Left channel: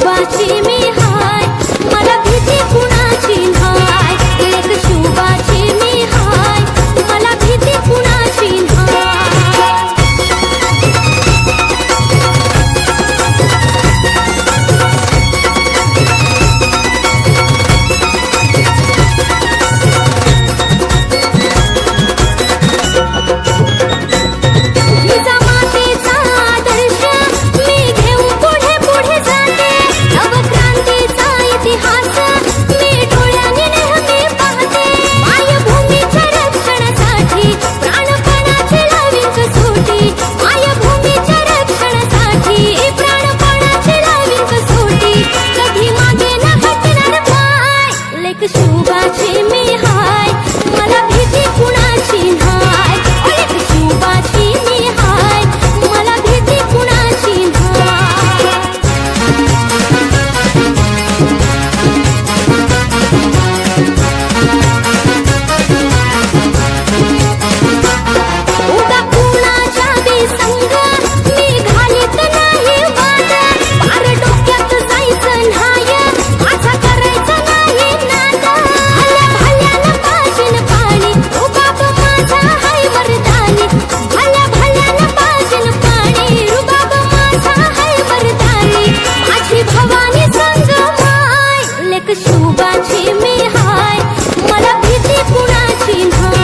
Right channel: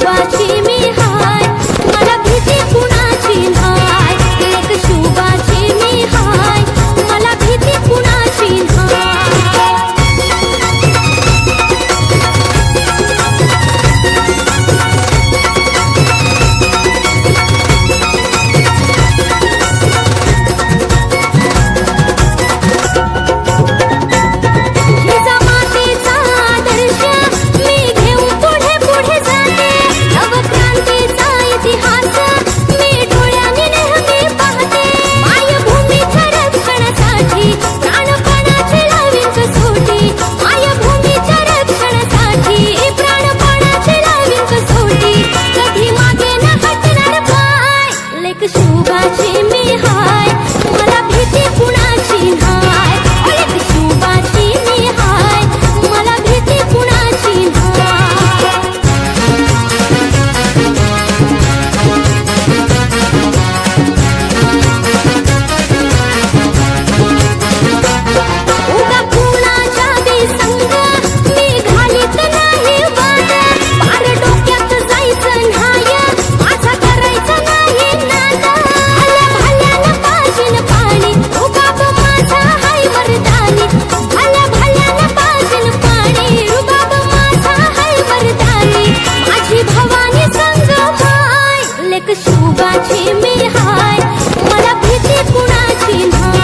बाची সুবাসে মেহায় মালা ভেতে কুনাছি না सुबा छी हाय मला भीती पुन्हा चीन